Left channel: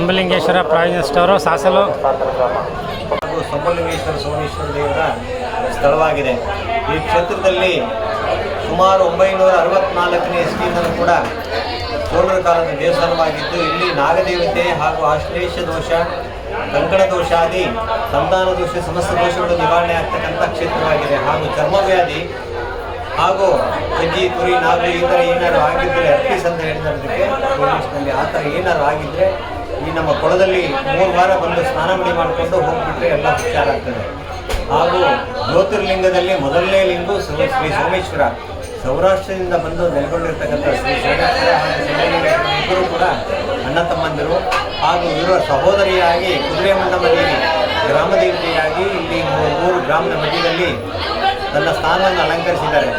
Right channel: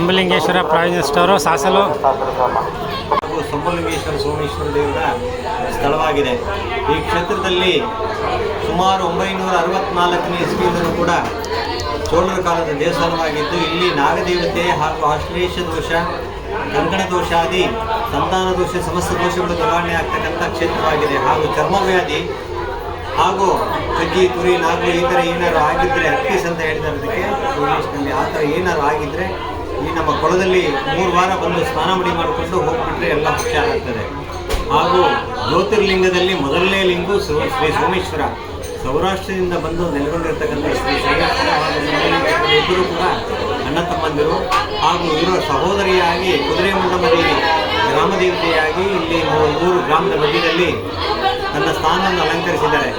Shambhulingeshwara provision store Sasalu. ಸಂಬಲಿಂಗೇಶ್ವರ Someshwara ದೇವರ ಸ್ಥಳವಾಗಿದೆ. ಈ ಕ್ಷೇತ್ರದಲ್ಲಿ ಸುಮಾರು ಒಂಬೈನೂರ ಅರವತ್ನಾಲ್ಕನೇ ಇಸ್ವಿಯಿಂದಲೂ ಕೂಡ ಚೋಳರ ಕಾಲದ ದೇವಸ್ಥಾನವಾಗಿದ್ದು, ಇಲ್ಲಿ ನಾಗದೇವತೆ ಹಾಗೂ ಆಶ್ಲೇಷ ದೋಷ, ಕಂಕಣ ದೋಷಾದಿ ಸಂತಾನ ದೋಷ, ಸಮಸ್ತ ದೋಷಗಳು ನಿವಾರಣೆ ಆಗ್ತಕ್ಕಂಥ ಕ್ಷೇತ್ರವಾಗಿದೆ. ಹಾಗೂ ಚರ್ಮವ್ಯಾಧಿ ಹಾಗೂ ಕಜ್ಜಿ, ಕುರಿ, ನಾಗು ಈ ಥರ ಏನಾದ್ರು ಆಗಿದ್ದರೆ ಅರ್ಪಿಸ್ ಅಂತ ಹೇಳಿದ್ದಾರೆ ಅದಕ್ಕೆ ಆ ಥರ ಏನಾದ್ರು ಆಗಿದ್ದರೆ ಈ ನಮ್ಮ ಕೊಳದಲ್ಲಿ ಮೂರು ವಾರ ಬಂದು ಸ್ನಾನ ಮಡಿ ಮಾಡಿಕೊಂಡು ಹೋಗ್ಬಿಟ್ರೆ ಎಲ್ಲ ಉಪಚಾರ ಆಗ್ತದೆ ಹಾಗೂ ಜ್ಯೋತಿರ್ಲಿಂಗದಲ್ಲಿ ಮೊದಲನೇ ಲಿಂಗು ಶ್ರೀ ಸೋಮೇಶ್ವರ. ಸೌರಾಷ್ಟ್ರದಿಂದ ಬಂದು ನೆಲೆಗೊಂಡಿರ್ತಕ್ಕಂಥ ಶ್ರೀ ಸೋಮೇಶ್ವರ ಹಾಗೂ ಇಬ್ಬರು ಕೂಡ ಅಣ್ಣ ತಮ್ಮಂದಿರು ಹಾಗೂ ಇವರ ಸಹೋದರಿಯಾಗಿ ಕುದುರೆ ಮಂಡಮ ದೇವಿ, ಗ್ರಾಮ ದೇವತೆಯಾಗಿ ಇಲ್ಲಿ ಮೂರು ಗ್ರಾಮದ ಮಧ್ಯದಲ್ಲಿ ತನ್ನ ಸ್ಥಾನವನ್ನು ಅಲಂಕರಿಸಿದ್ದಾರೆ.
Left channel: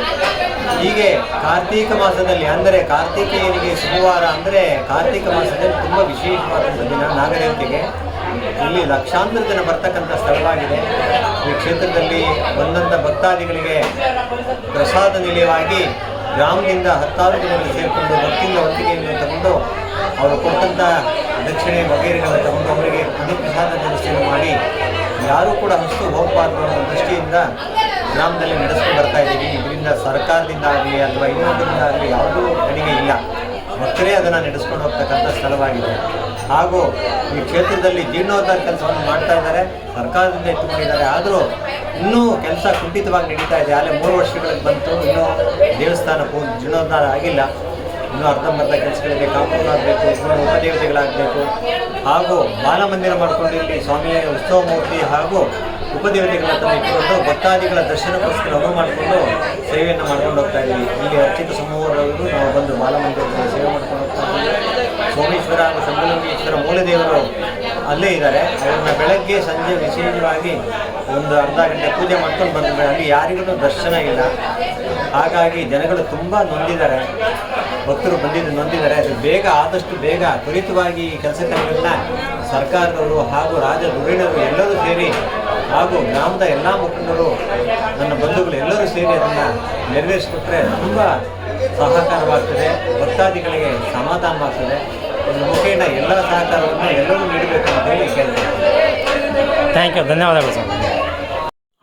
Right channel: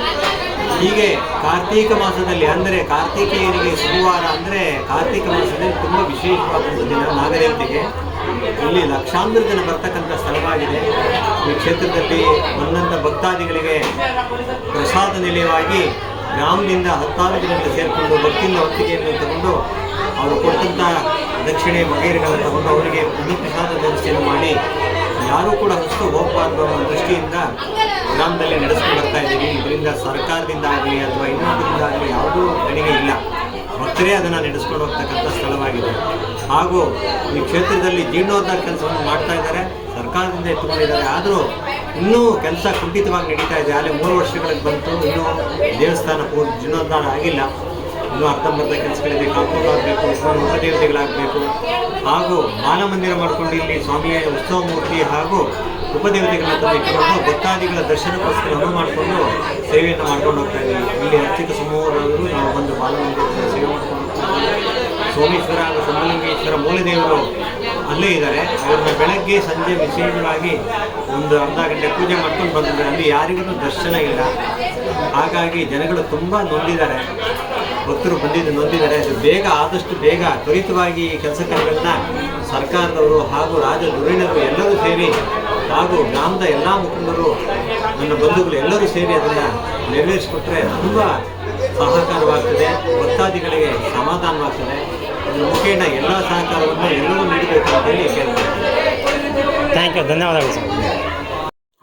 ಹೀಗೆ ಕಾರ್ತೀಕ ಮಾಸದಲ್ಲಿ ಅಂದರೆ ಕಾರ್ತಿಕೇಯರಿಗೆ ಶುಭವಾರ ಅಂದರೆ ಕಾರ್ತಿಕ ಮಾಸದಲ್ಲಿ ತುಂಬ ವಿಶೇಷವಾದಂಥ ದಿನ ನಾಗದೇವತೆಗೆ. ಇಲ್ಲಿ ಲಕ್ಷಾಂತರ ಜನ ಬರ್ತಕ್ಕಂಥ ಸ್ಥಳವಾಗಿದೆ. ಈ ಕ್ಷೇತ್ರದಲ್ಲಿ ಬಂದಂಥ ಭಕ್ತಾದಿಗಳಿಗೆ ಪ್ರಸಾದ ನಿಲಯವಾಗಿ ಗ್ರಾಮದಿಂದ ಹತ್ತಾರು ಜನಗಳು ಸೇರಿಕೊಂಡು ಭಕ್ತಿಯಿಂದ ಒತ್ತಿಗೆಯನ್ನು ತಗೊಂಡು ಅವರು ಕೊಟ್ಟಂಥ ದಕ್ಷಿಣೆ ವಗೈರೆಗಳನ್ನು ತಗೊಂಡು ಅವರಿಗೆ ಪ್ರಸಾದ ವ್ಯವಸ್ಥೆಯನ್ನು ಮಾಡಿ ಯಾರೂ ಕೂಡ ಅಷ್ಟು ಹೋಗಬಾರ್ದು ಅನ್ನೋ ದೃಷ್ಟಿಯಿಂದ ಗ್ರಾಮದಲ್ಲಿ ನಡೆಸ್ಕೊಂಡು ಬರ್ತಾ ಇದ್ದೀವಿ. ಇದರಿಂದ ಸರ್ಕಾರದಿಂದ ಆಗಲಿ ಅಥವಾ ಇನ್ನೊಂದರಿಂದ ಆಗಲಿ ಯಾವುದೂ ಗಣಿಗೆ ಇಲ್ಲ. ಭಕ್ತರೇ ಅದನ್ನು ನಡೆಸ್ಕೊಂಡು ಹೋಗ್ತಕ್ಕಂಥ ಸ್ಥಳವಾಗಿದೆ. ಹಾಗೂ ಈ ಕ್ಷೇತ್ರದಲ್ಲಿ ಜೀರ್ಣೋದ್ಧಾರ ಕೆಲಸವನ್ನು ಮಾಡ್ತಾ ಇದ್ದಾರೆ. ಸರ್ಕಾರದಿಂದ ಎತ್ತುಕೊಂಡಿದ್ದಾರೆ ಆದರೂ ಇನ್ನೂ ಕೆಲಸ ಕುಂಠಿತವಾಗಿ ನಡೀತಾ ಇದೆ. ಆಗಲೇ ಮೂರು ವರ್ಷಗಳಿಗೆ ಬಂತು. ಇನ್ನೂ ದೇವಸ್ಥಾನ ಪೂರ್ ಜೀರ್ಣೋದ್ಧಾರ ಆಗಿಲ್ಲ. ಇನ್ನೂ ಅರ್ಧಂಬರ್ಧ ಕೆಲಸಗಳಿದೆ. ಕಾಂಪೌಂಡ್ ಆಗಬೇಕು. ಇನ್ನೂ ಉಪದೇವತೆಗಳಾಗಬೇಕು. ಹಾಗೂ ಬಾಲಮಂದಿರ ಮಾಡಿಕೊಂಡು ಇಲ್ಲಿ ಸ್ವಾಮಿಯ ಉತ್ಸವ ಮೂರ್ತಿ ಹಾಗೂ ಉಪದೇವತೆಗಳನ್ನ ತಂದು ಇಟ್ಟುಕೊಂಡು ಭಕ್ತಾದಿಗಳ ದರ್ಶನಕ್ಕೋಸ್ಕರ ಅನುವು ಮಾಡಿಕೊಂಡು ಸೇವೆಯನ್ನು ಮಾಡ್ಕೊಂಡು ಹೋಗ್ತಾ ಇದ್ದೀವಿ ಇಲ್ಲಿ ಅರ್ಚಿತ ಸಮೂಹದವರು ನಾವು ಬಂದು ಬಾಲಮಂದಿರದಲ್ಲಿ ಸೇವೆ ಮಾಡ್ಕೊಂಡು ಹೋಗ್ತಾ ಇದ್ದೀವಿ ಸೋಮೇಶ್ವರ ಹಾಗೂ ಸಮಲಿಂಗೇಶ್ವರ ಮೂಲದೇವರು ಅಲ್ಲೇ ಇದ್ದಾರೆ. ಅವ್ರನ್ನ ಬೆಳಗ್ಗೆ ಸಂಜೆ ವಿಶೇಷವಾಗಿ ಒಂದು ಅರ್ಧ ಗಂಟೆ ಪೂಜೆ ಮಾಡ್ಕೊಂಡು ಬಂದಿದ್ದಾರೆ. ಅಲ್ಲಿ ಯಾರಿಗೂ ದರ್ಶನ ಇಲ್ಲ. ಹಾಗಾಗಿ ಜನಗಳು ತುಂಬ ನೊಂದಿದ್ದಾರೆ. ಭಕ್ತರು ಬಂದಿದ್ದು ನೊಂದಿದ್ದಾರೆ. ಅದು ಬೇಗ ಆದಷ್ಟು ಬೇಗ ತ್ವರಿತವಾಗಿ ಈ ಕೆಲಸ ಕಾರ್ಯಗಳನ್ನ ಸರ್ಕಾರದವರು ಹಾಗೂ ರಾಜ ಧುರೀಣರು ಎಲ್ಲರೂ ಸೇರಿ ಹಾಗೂ ಗ್ರಾಮದ ಎಲ್ಲ ಮುಖಂಡರು, ನನ್ನ ಬಂಧುಗಳು ಎಲ್ಲರೂ ಸೇರಿ ಅದನ್ನು ನೆರವೇರಿಸಿಕೊಟ್ರೆ ತುಂಬ ಸಹಕಾರವಾಗ್ತದೆ. ಭಕ್ತಾದಿಗಳಿಗೆ ಸಮಾಧಾನವಾಗ್ತದೆ. ಇದರ ಮುಖೇನ ಎಲ್ಲ ಸಹಕಾರವನ್ನು ಎಲ್ಲರೂ ನೀಡಬೇಕು ಅಂತ ಹೇಳಿ ಕೇಳ್ತೇನೆ. ಥ್ಯಾಂಕ್ ಯು ಧನ್ಯವಾದಗಳು ಸರ್.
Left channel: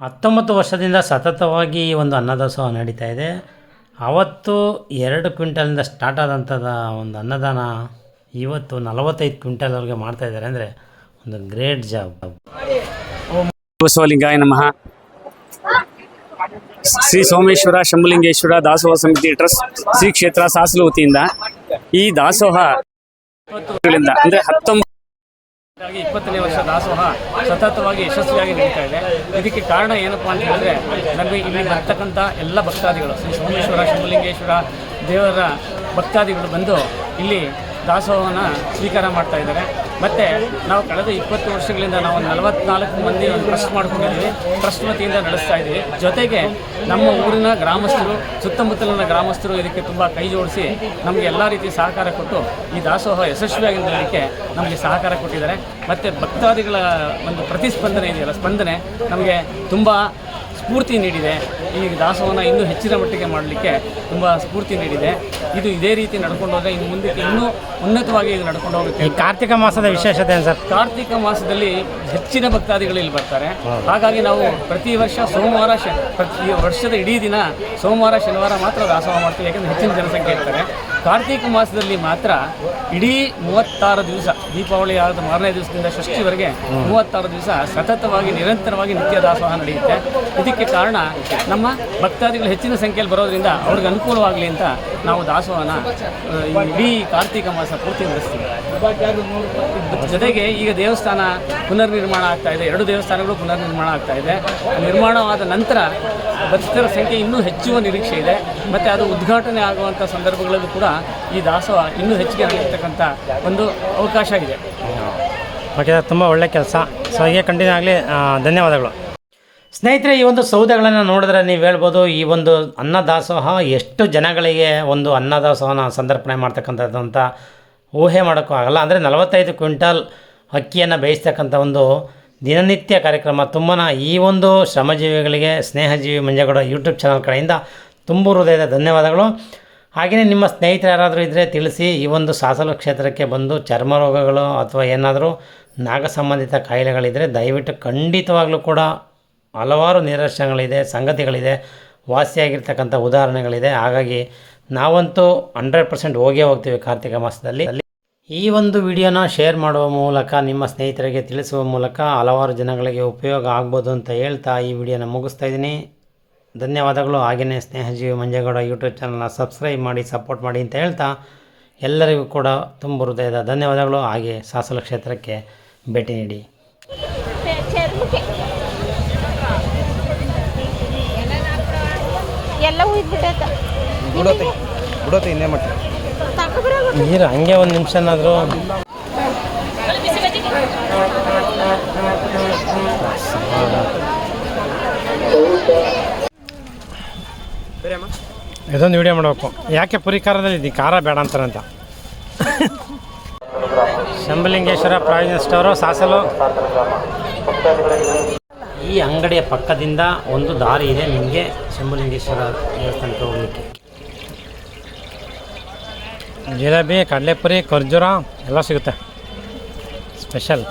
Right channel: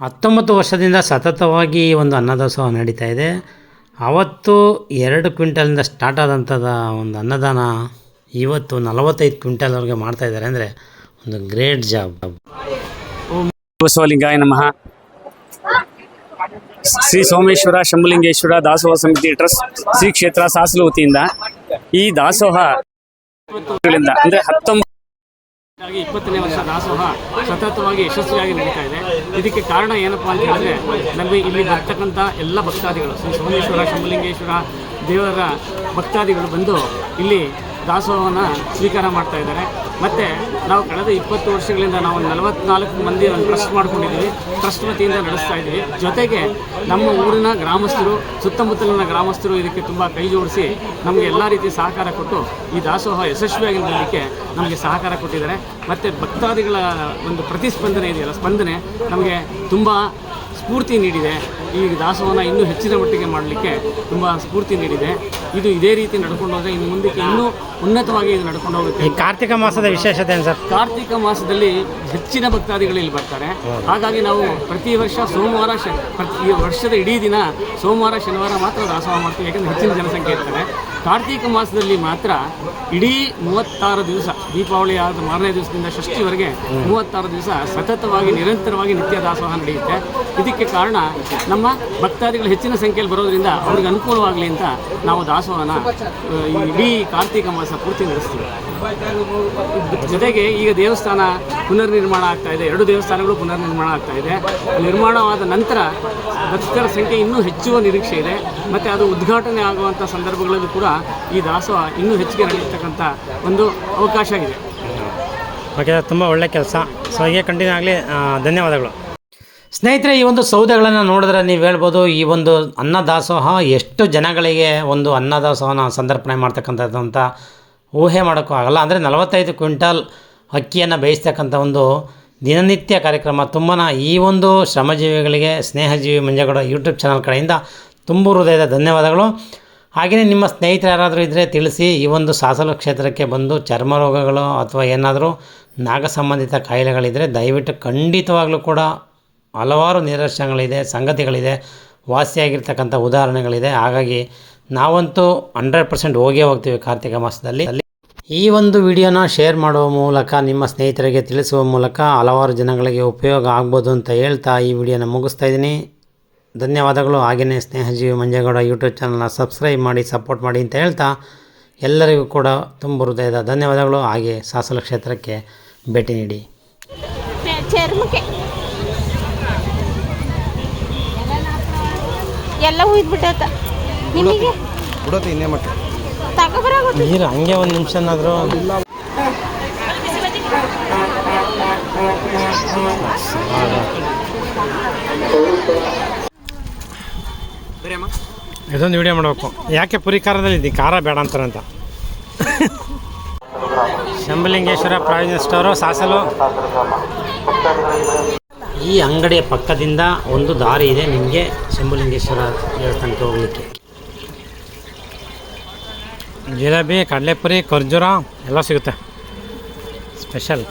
ಹತ್ತೊಂಬತ್ತು ವರ್ಷದಿಂದ ಸತತವಾಗಿ ಒಂದು ಅನ್ನದಾಸೋಹ ನಡೀತಾ ಇದೆ. ಅವತ್ತು ಎರಡು ಕ್ವಿಂಟಲಿಂದ ಸ್ಟಾರ್ಟ್ ಆದಂಥದ ಒಂದು ಅನ್ನದಾನ ಇವತ್ತು ನಲವತ್ತೈದು ಮಾಡ್ತಾ ಇದ್ದಾರೆ ಅಂದರೆ ಒಂದು ಗ್ರೇಟ್ ಜಾಬ್. ಬಸವಲಿಂಗಾಯ ನಮಃ. ಶ್ರೀ ಸೋಮೇಶ್ವರ ಶಂಭುಲಿಂಗೇಶ್ವರ ದಾಸೋಹ ಸಮಿತಿ ಟ್ರಸ್ಟ್ ಶ್ರೀ ಕ್ಷೇತ್ರ ಸಾಸಲು ವತಿಯಿಂದ ಈ ದಾಸೋಹ ಅಂದ್ರೆ ಹತ್ತೊಂಬತ್ತು ಇಪ್ಪತ್ತನೇ ವರ್ಷ ದಾಸೋಹ ಸತತವಾಗಿ ಯಶಸ್ವಿಯಾಗಿ ನಡೀತಾ ಇದೆ. ಇದಕ್ಕೆ ಕಾರಣ ಏನಪ್ಪ ಅಂತ ಹೇಳಿದ್ರೆ, ನಮಗೆ ಇಲ್ಲಿ ಬರ್ತಕ್ಕಂಥ ಎಲ್ಲ ಭಕ್ತಾದಿಗಳು, ಶ್ರೀ ಸೋಮೇಶ್ವರ, ಶಿವಲಿಂಗೇಶ್ವರ ದೇವರ ಭಕ್ತಾದಿಗಳು ಬಂದು ಇಲ್ಲಿ ದಾಸೋಹವನ್ನು ಸ್ವೀಕಾರ ಮಾಡ್ತಾ ಇದ್ದಾರೆ. ಮತ್ತು ನಾವು ಕಳೆದ ಇಪ್ಪತ್ತು ವರ್ಷಗಳಿಂದ ನಾವು ನಲವತ್ನಾಲ್ಕು ಮಂದಿ ಒಂದು ಟ್ರಸ್ಟ್ ಮಾಡ್ಕೊಂಡಿದ್ದೀವಿ. ಟ್ರಸ್ಟ್ ವತಿಯಿಂದ ನಡೆಸ್ತಾ ಇದ್ದೀವಿ. ಜೊತೆಗೆ ನಮ್ಮ ಊರಿನ ಗ್ರಾಮಸ್ಥರು, ಸುತ್ತಮುತ್ತಲಿನ ಗ್ರಾಮಸ್ಥರು ಇದಕ್ಕೆ ತುಂಬ ಕೈ ಜೋಡಿಸಿ ನಮಗೆ ಎಲ್ಲ ರೀತಿ ಸಹಕಾರ ಕೊಟ್ಟು ಈ ದಾಸೋಹ ಯಶಸ್ವಿಯಾಗಿ ನಮಗೆ ಸಹಕಾರ ಕೊಟ್ಟಿದ್ದಾರೆ. ಮತ್ತು ಭಕ್ತಾದಿಗಳ ಒಂದು ಪ್ರತಿಸ್ಪಂದನೆ ಇದೆಯಲ್ಲ, ಸ್ಪಂದನೆ ನಮಗೆ ತುಂಬ ಸ್ಫೂರ್ತಿ ನೀಡಿದೆ. ಈ ದಾಸೋಹನ ಇನ್ನೂ ಹೆಚ್ಚಿನ ಮಟ್ಟಿಗೆ ಮಾಡಲಿಕ್ಕೆ ತುಂಬ ಸ್ಫೂರ್ತಿ ನೀಡಿದೆ. ಇದು ಇದೇ ರೀತಿ ನಡ್ಕೊಂಡು ಹೋದರೆ ಇನ್ನು ಮುಂದಕ್ಕೆ ಇನ್ನೂ ಉನ್ನತವಾಗಿ ಇದು ನಡ್ಕೊಂಡು ಹೋಗುತ್ತೆ. ಈ ಕಾರ್ತಿಕ ಮಾಸದ ವಿಶೇಷತೆ ಸರ್? ಕಾರ್ತಿಕ ಮಾಸದಲ್ಲಿ ಹೆಚ್ಚಿನ ಭಕ್ತಾದಿಗಳು ಇಲ್ಲಿ ಬರ್ತಾರೆ. ಹಾಗಾಗಿ ನಾವು ಪ್ರತಿ ವರ್ಷ ಸೋಮವಾರ ಶ ಪ್ರತಿ ವರ್ಷದ ಇಡೀ ದಿನ ಸೋಮವಾರ ಶನಿವಾರ ಮಾತ್ರ ದಾಸೋಹ ಮಾಡ್ತೀವಿ ಯಾಕಂದರೆ ಹೆಚ್ಚಿನ ಜನಸಂಖ್ಯೆ ಇರ್ತಾರೆ. ಕಾರ್ತಿಕ ಮಾಸದಲ್ಲಿ ಮಾತ್ರ ಇಡೀ ಮೂವತ್ತಾರು ದಿವಸ ದೀಪಾವಳಿ ಆದ ಮಾರನೇ ದಿವಸದಿಂದ ಷಷ್ಠಿವರೆಗೆ ಮೂವತ್ತಾರು ದಿವಸ ಸತತವಾಗಿ ನಿರಂತರವಾಗಿ ನಿತ್ಯ ದಾಸೋಹ ನಡೆಯುತ್ತೆ. ಇದಕ್ಕೆ ಕಾರಣ ನಮ್ಮ ಭಕ್ತಾದಿಗಳು ಹೆಚ್ಚಿನ ಸಂಖ್ಯೆಯಲ್ಲಿ ಬರೋದ್ರಿಂದ ಅವ್ರಿಗೆ ಅನುಕೂಲವಾಗಲಿ ಅಂತ ನಾವು ದಾಸೋಹನ ಇಡೀ ಕಾರ್ತಿಕ ಮಾಸ ಪೂರ್ತಿ ನಡೆಸ್ತೀವಿ. ಜೊತೆಗೆ ಈಗ ದೇವಸ್ಥಾನ ಪುನರ್ನಿರ್ಮಾಣ ಆಗ್ತಾ ಇದೆ. ಎರಡು ದೇವಸ್ಥಾನಗಳು ಪುನರ್ನಿರ್ಮಾಣ ಆಗ್ತಾ ಇದೆ. ನಿರ್ಮಾಣವಾದ ನಂತರ ಭಕ್ತರ ಸಂಖ್ಯೆ ಇನ್ನೂ ಹೆಚ್ಚುವ ನಿರೀಕ್ಷೆ ಇದೆ. ಮತ್ತು ಅದು ಉದ್ಘಾಟನೆ ಆಗುವಂಥ ಸಂದರ್ಭಗಳಲ್ಲೂ ಕೂಡ ಈ ದಾಸೋಹ ಇನ್ನೂ ಹೆಚ್ಚಿಗೆ ನಡೆಯತಕ್ಕಂಥ ಒಂದು ಅವಕಾಶ ಇದೆ ಓಕೆ ತುಂಬ ಒಳ್ಳೆ ಕೆಲಸ. ಸೊ, ಹೀಗೆ ಕಂಟಿನ್ಯೂ ಆಗಲಿ ಧನ್ಯವಾದಗಳು. ಸ್ನೇಹಿತರೆ, ಈ ಒಂದು ಸೌದೆಗಳನ್ನು ನೋಡಿದ್ರೆ ನೀವು ಹೇಳ್ಬೋದು, ಈ ಒಂದು ಅನ್ನದಾಸೋಹ ಎಷ್ಟು ಜನಗಳಿಗೆ ಒಂದು ಅನ್ನದಾಸೋಹನ ಸಂದರ್ಪಣೆ ಮಾಡ್ತಕ್ಕಂಥದ್ದು ಅಂತ ಊಹೆ ಮಾಡೋಕ್ಕೂ ಆಗಲ್ಲ. ಅಂದರೆ ನಲವತ್ತೈದು ಕ್ವಿಂಟಲ್ ಅಕ್ಕಿಯನ್ನು ಬೇಯಿಸ್ತಕ್ಕಂಥ ಒಂದು ದಿನನಿತ್ಯ ಕಾರ್ಯಕ್ರಮ. ತುಂಬಾ ಈ ಒಂದು ಶ್ರಮಜೀವಿಗಳಿಗೆ, ಸ್ನೇಹಜೀವಿ ಮಂಜಗೌಡ ಯೂಟ್ಯೂಬ್ ಚಾನಲ್ ಕಡೆಯಿಂದ ತುಂಬ ಹೃದಯದ ಧನ್ಯವಾದಗಳು. ಹಾಗೆಯೇ ನಿಮ್ಮ ಸ್ನೇಹಿತರು ಯಾರಾದರೂ ಇದ್ದರೆ ತಿಳಿಸಿ, ಈ ಒಂದು ಸಾಸಲು ಕ್ಷೇತ್ರಕ್ಕೆ ಬಂದು ಚರ್ಮ ರೋಗಗಳು ಅಥವಾ ಏನಾದರೂ ನಾಗ ಸಂಬಂಧಿತ ಕಾಯಿಲೆಗಳಿದ್ದರೆ ದಯವಿಟ್ಟು ಖಂಡಿತವಾಗ್ಲೂ ಕೂಡ ಹಲವಾರು ನಿದರ್ಶನಗಳಿದೆ, ಸಂಗತಿಗಳಿದೆ, ವಾಸಿಯಾಗಿರ್ತಕ್ಕಂಥ ಉದಾಹರಣೆಗಳಿದೆ. ಹಾಗಾಗಿ ನಾವಂತೂ ಹಂಡ್ರೆಡ್ ಪರ್ಸೆಂಟ್ ಹೋಗೇ ಹೋಗ್ತೀವಿ ಕಾರ್ತಿಕ ಮಾಸದಲ್ಲಿ. ಈ ಒಂದು ವಿಡಿಯೋನ ಶೇರ್ ಮಾಡುವ ಮೂಲಕ, ನಿಮ್ಮ ಸ್ನೇಹಿತರಿಗೆ ತಿಳಿಸುವ ಮೂಲಕ ಹಲವಾರು ಜನಗಳಿಗೆ ಉಪಯೋಗ ಆಗ್ಬೋದು ಅಂತ ಹೇಳ್ತಾ ಈ ವಿಡಿಯೋನ ಮುಗಿಸ್ತಾ ಇದ್ದೀನಿ. ಧನ್ಯವಾದಗಳು. ಹಾಗೆಯೇ ಸ್ನೇಹಜೀವಿ ಮಂಜೇಗೌಡ ಯೂಟ್ಯೂಬ್ ಚಾನಲ್ನ ಸಬ್ಸ್ಕ್ರೈಬ್ ಮಾಡಿ, ಸಪೋರ್ಟ್ ಮಾಡಿ ಅಂತ ಹೇಳ್ತಾ ಎಲ್ಲರಿಗೂ ಕೂಡ ತುಂಬ ಹೃದಯದ ಧನ್ಯವಾದಗಳು. ಹಾಗೆ ಸಾಸಲ ಕ್ಷೇತ್ರಕ್ಕೆ ಭೇಟಿ ನೀಡಿ. ಎಲ್ಲ ಬಿಡೋದು ಇನ್ನೇ ನೀರು ಹಂಗೆ ಒಂದು ನಿಮಿಷನಾದರೂ ಇದೊಂದು ವಿಡಿಯೋ ಮಾಡಬೇಕು. ಯಾಕೆ ಪುರಿ ಖಾರದಲ್ಲಿ ಇದ್ದೀನಿ ಖಾರ ಬೇಡ ಅಂತಾರಂತ. Shambhalingeshwara provision store Sasalu. ಈ ಅಂಗಡಿಯ ಪಕ್ಕದಿಂದ ಒಂದು ದಾರಿ ಇದೆ. ನಿಮಗೆ ಶಂಭುಲಿಂಗೇಶ್ವರ ದೇವಸ್ಥಾನಕ್ಕೆ ಹೋಗಲಿಕ್ಕೆ. ಜಿಲೇಬಿ ಕಡಲೆಪುರಿ ಖರ್ಜೂರ ಎಲ್ಲ ಸಿಗುತ್ತೆ. ಸ್ಪೆಷಲ್